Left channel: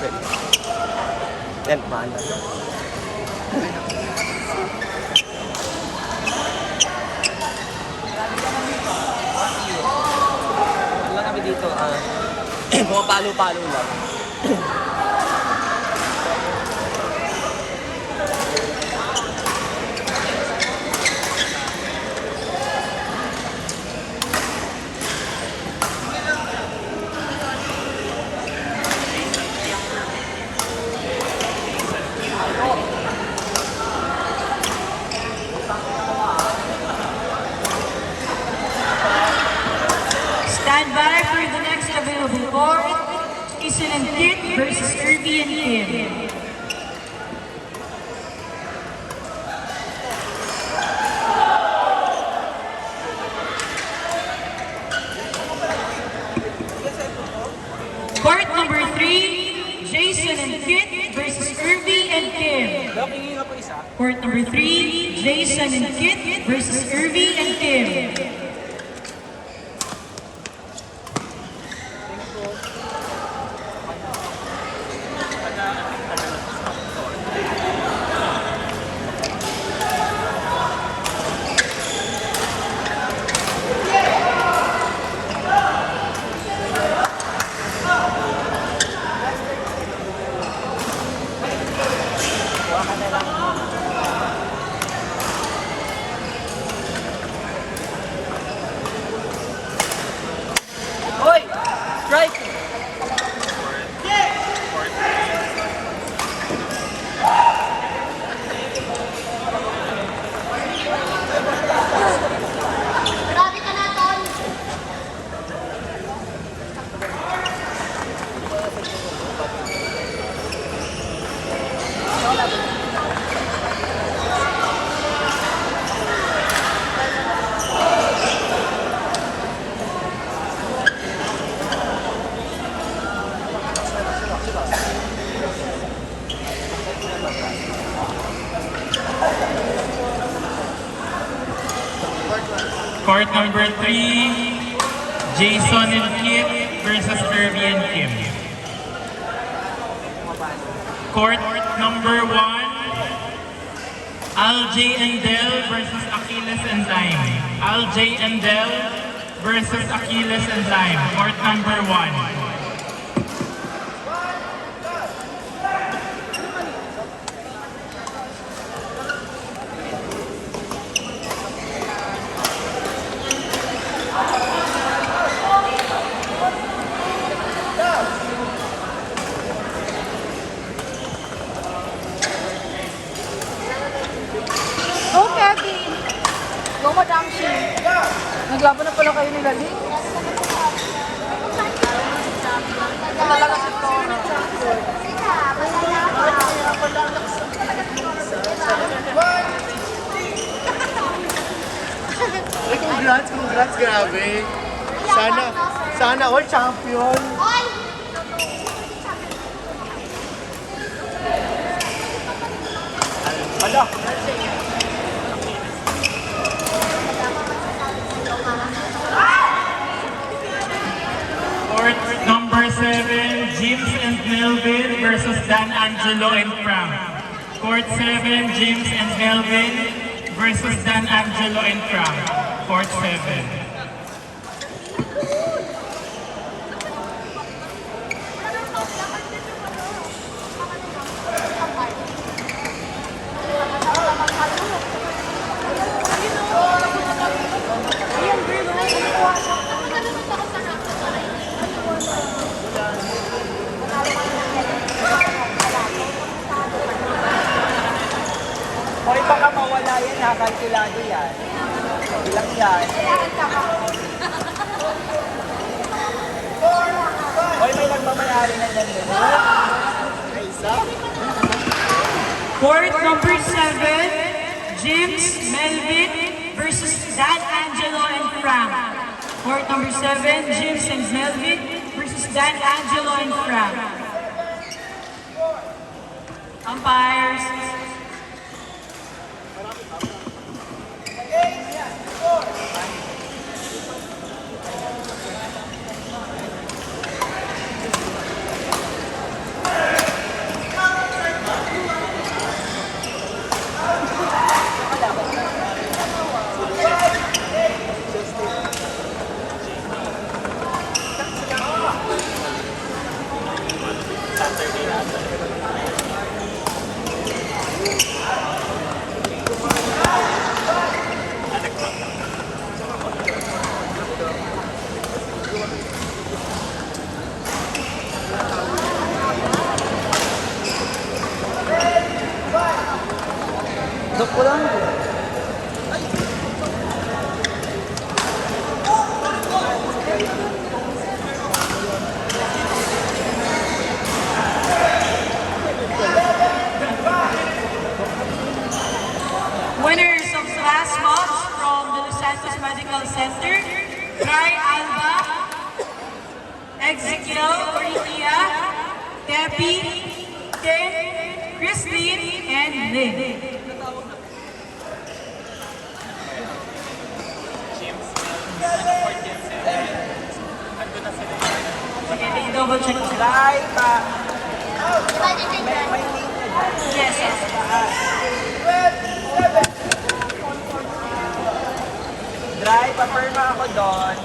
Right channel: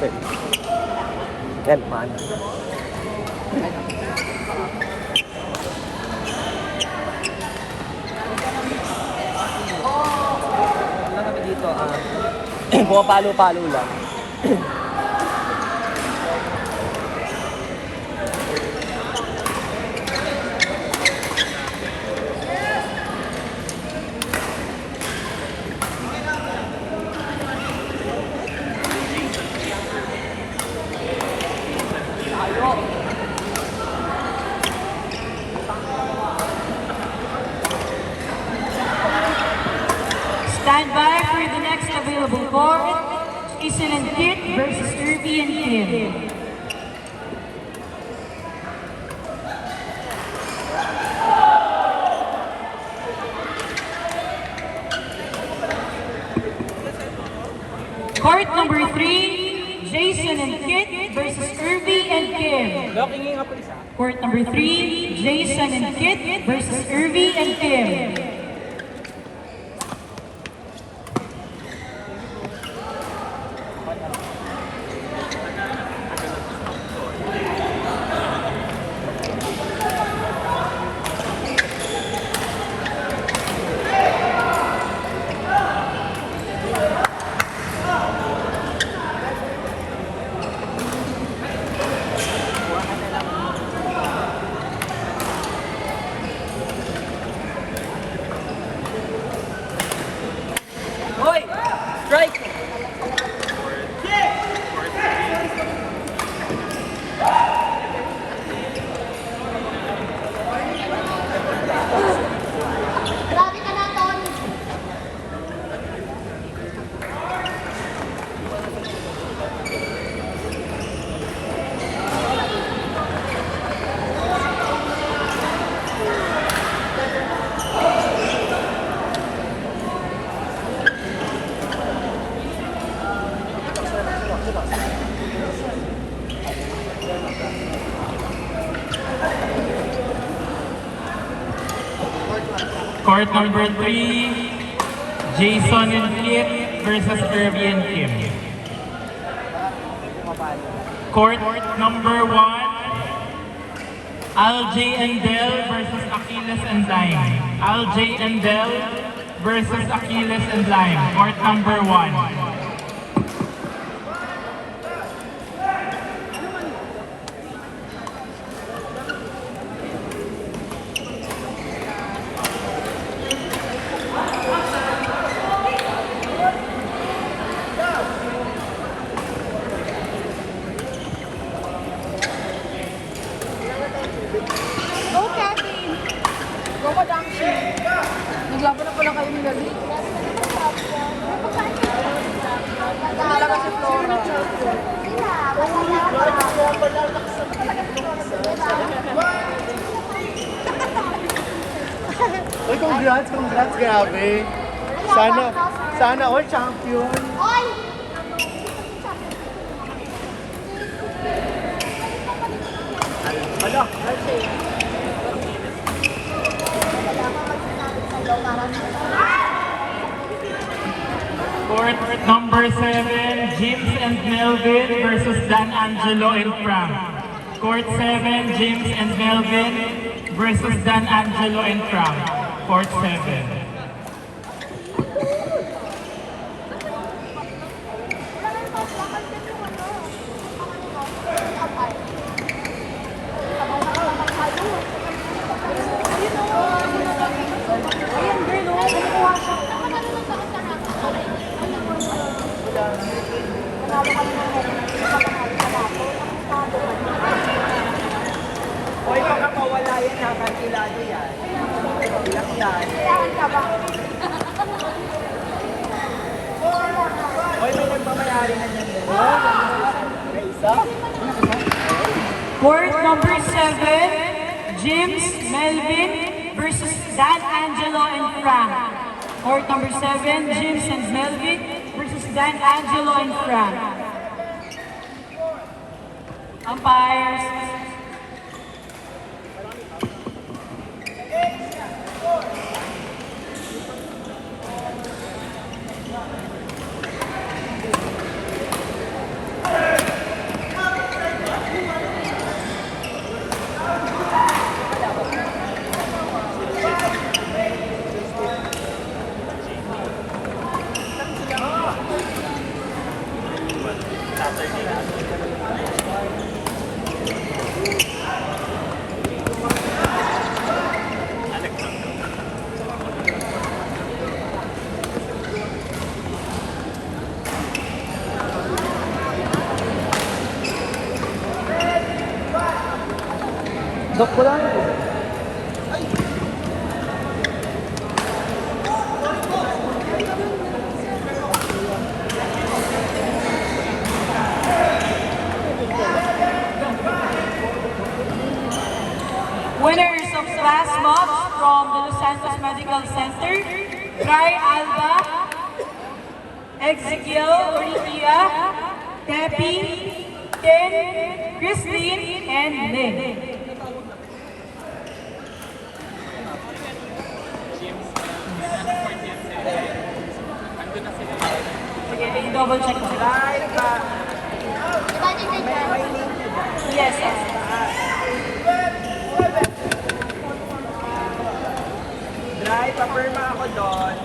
open. Yan, mana. Wala kami dito, pumapalo-palo lang. Stand by for the next available court. Jason and Kit versus Irby and Kim. Court number 3, Jason and Kit versus Irby and Kim. Court number 3, Jason and Kit versus Irby and Kim. Hoy! Strike! Grabe ka na, Ton! Court number 3, Jason and Kit versus Irby and Kim. Court number 1, Al J and Del versus Achilles and Lime. Al J and Del versus Achilles and Lime. Court number 1. Go, Kevin! Go, Madam Shin! Naglaban na pala kayo ng lagi. Grabe ka na pagsabi ka. Malakas si Flora. Sila, Congrats, grabe. Sana all champion. Oy! Ala, Court number 7, James and Melvin versus Dan Angelo and Frank. Court 7, James and Melvin versus Dan Angelo and Frank. Court 7. Ayan, girl, oh. Kumukuha siya. Manalo ka na ng medal. Manalo ka lato. Kapitado ka na. Hoy, baka mawala yan habang kilado yan. Lang yan. Kailangan ka ba? Hoy, may nagmamayari na yan. May isa? Court number 7, James, Melvin versus Dan Angelo and Frank. Court number 7, James and Melvin versus Dan Angelo and Frank. Umpires. Saturday after. Dok ko lang po. Winners of class mobs from the Los Santos Medical Center, Dry Alba, Ezekiel Oritia, Tepi, Ken, Christine, and Lynn. James Melvin, ano for James Melvin? Ando na sila yun. Sige, i-double check ko. Dry pa. Pwede din dyan. May name na dyan. Yes, yes. Dry, papirma ako doon.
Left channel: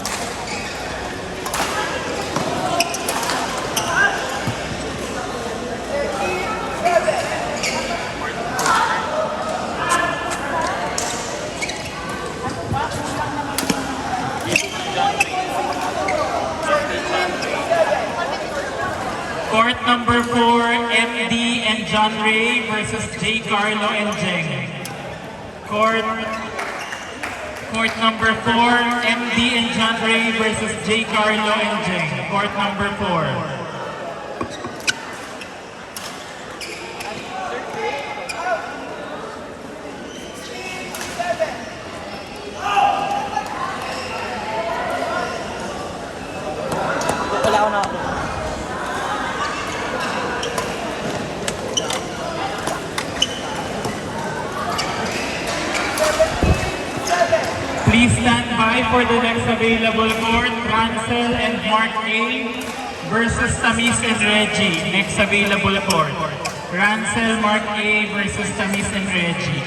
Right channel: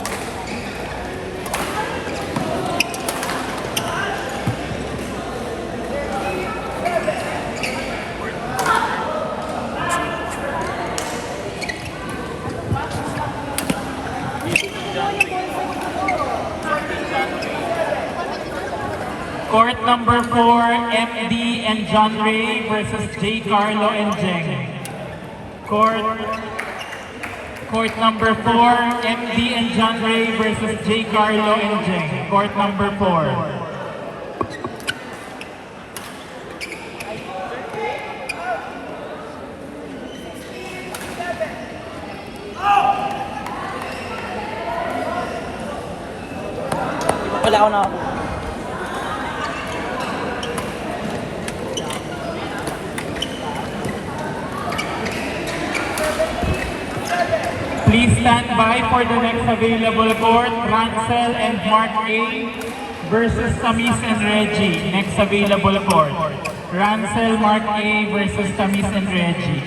Court number 4, MD and John Ray versus J. Carlo and Jeng. Court number 4, MD and John Ray versus J. Carlo and Jeng. Court number 4. Wala ako na ako. Please stand by for the next available court, Rancel and Mark A. versus Tamis and Reggie. Next available court, Rancel, Mark A. versus Tamis and Reggie.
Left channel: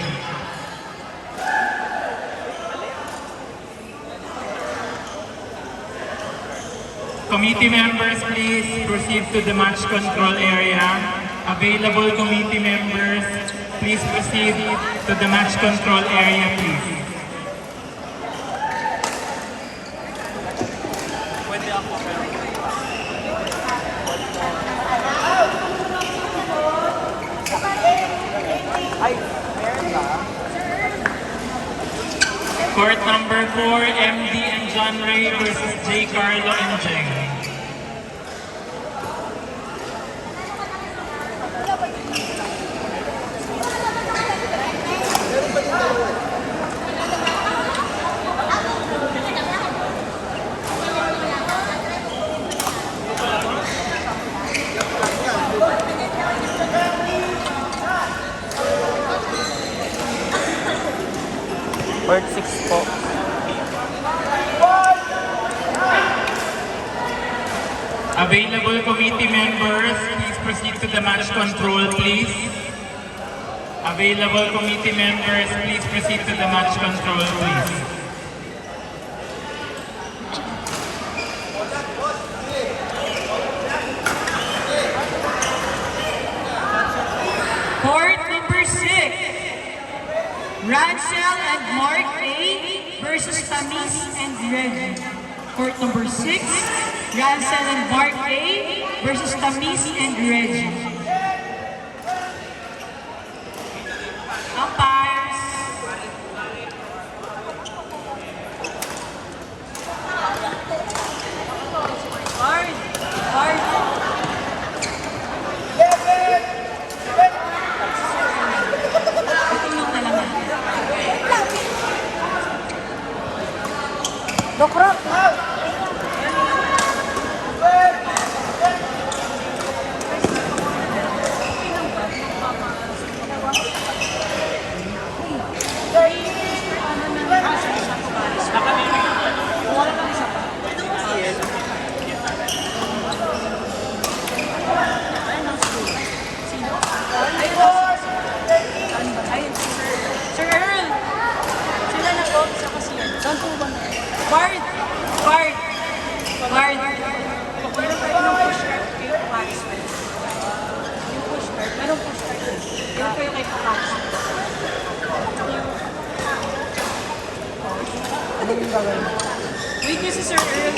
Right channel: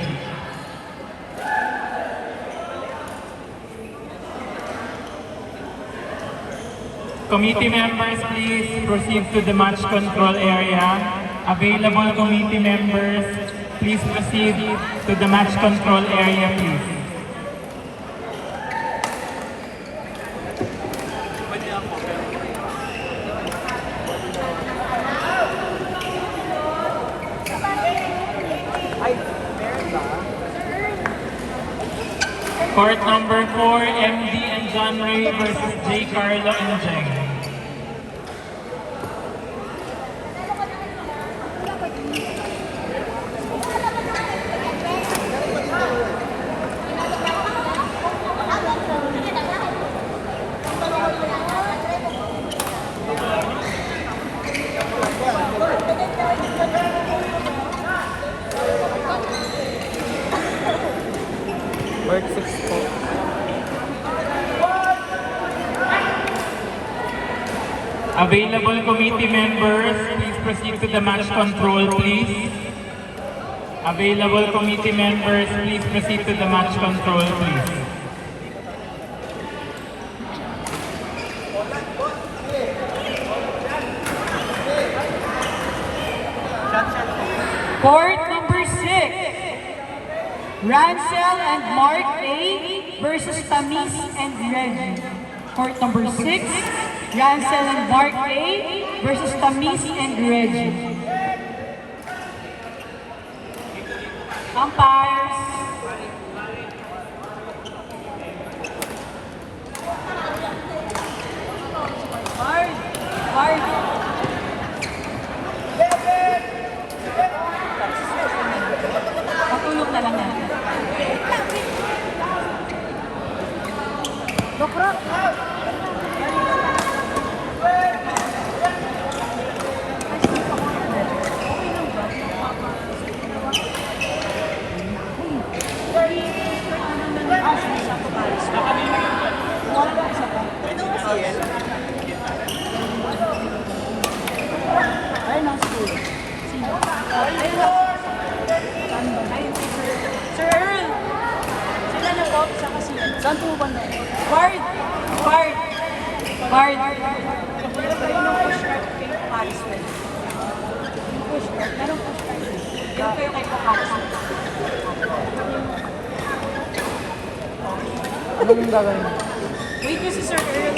Committee members, please proceed to the match control area. Available committee members, please proceed to the match control area, please. Pwede ako, pero Ay, meron ba? Court number 4, MD and John Ray versus J. Carlo and Jeng. Court 6 po. Available committee members, please proceed to the match control, please. Available committee members, please proceed to the match control, please. Court number 6, Rancel and Mark A. versus Tamis and Reggie. Court number 6, Rancel and Mark A. versus Tamis and Reggie. Umpires. Guard. Guard. Patulong na lang natin. Dokro. Ayun, Sir Earl. Sila na po, saka siya. Saan po ba na? Guard. Guard. Guard. Meron tayo ng push rep kay Paris West. push start. Merong push start. Yan kayo kay Pokats. Ano yung gagawin? Wait niyo si Sir Earl.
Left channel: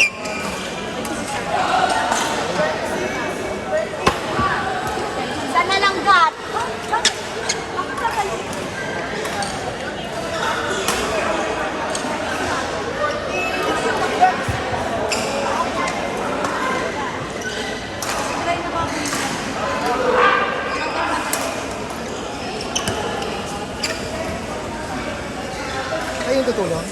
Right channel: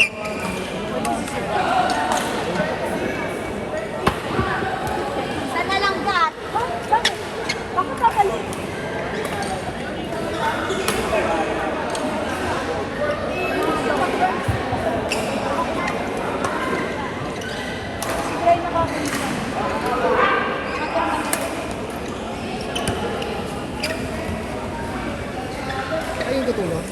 Saan na lang gat? Bakit kakalik? Try na ba ako yun? Ano yung tutulong?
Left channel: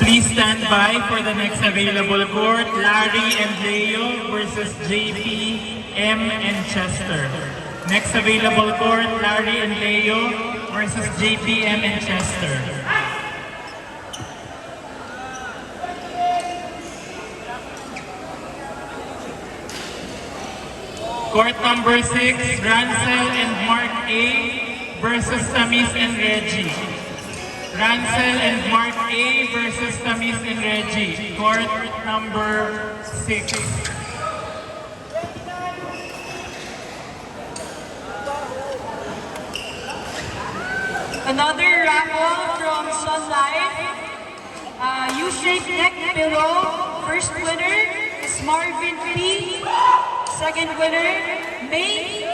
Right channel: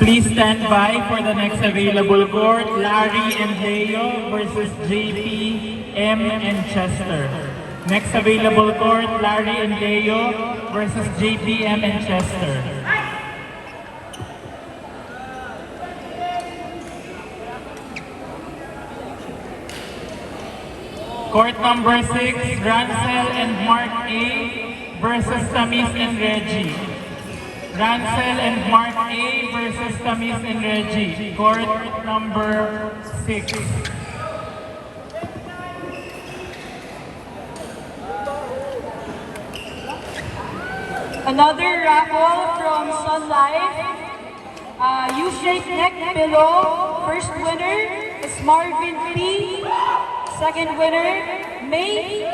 Please stand by for the next available court, Larry and Leo versus JP, M, and Chester. Next available court, Larry and Leo versus JP, M, and Chester. Court number 6, Ransel and Mark A versus Tamis and Reggie. Ransel and Mark A versus Tamis and Reggie. Court number 6. Another raffle from Sun Life. U-shaped neck pillow. First winner is Marvin P. Second winner, May.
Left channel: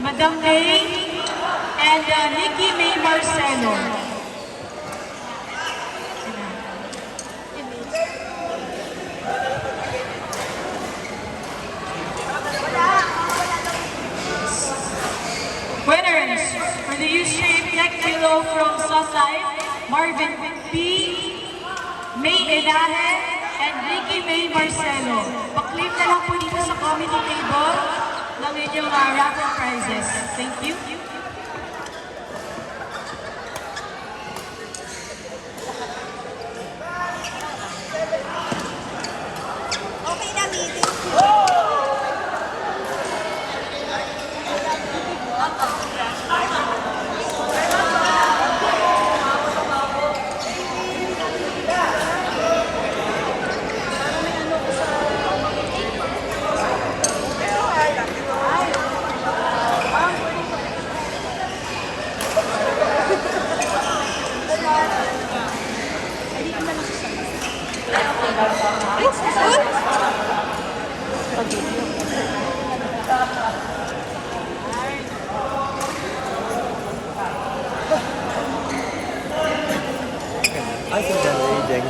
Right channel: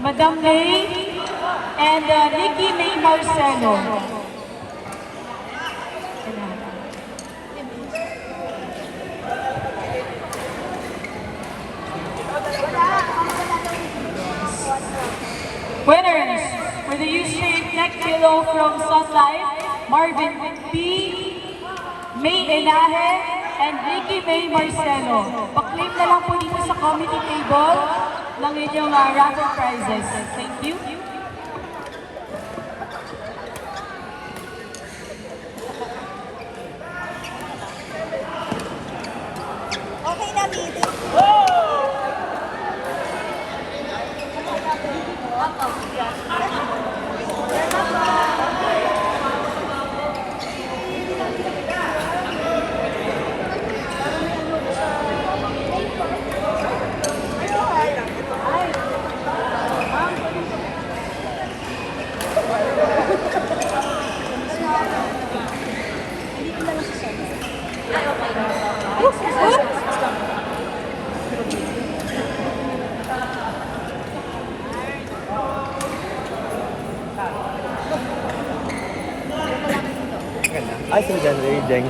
Madam May and Nikki May Marcelo. Winners for the U-shaped neck pillow from Sun Life, Marvin P. May Enahe, and Nikki May Marcelo. Paklip na lang po dito sa committee table ng inyong raffle prizes. Thank you. Okay na, meeting. Ay, si John Ray, Jeng.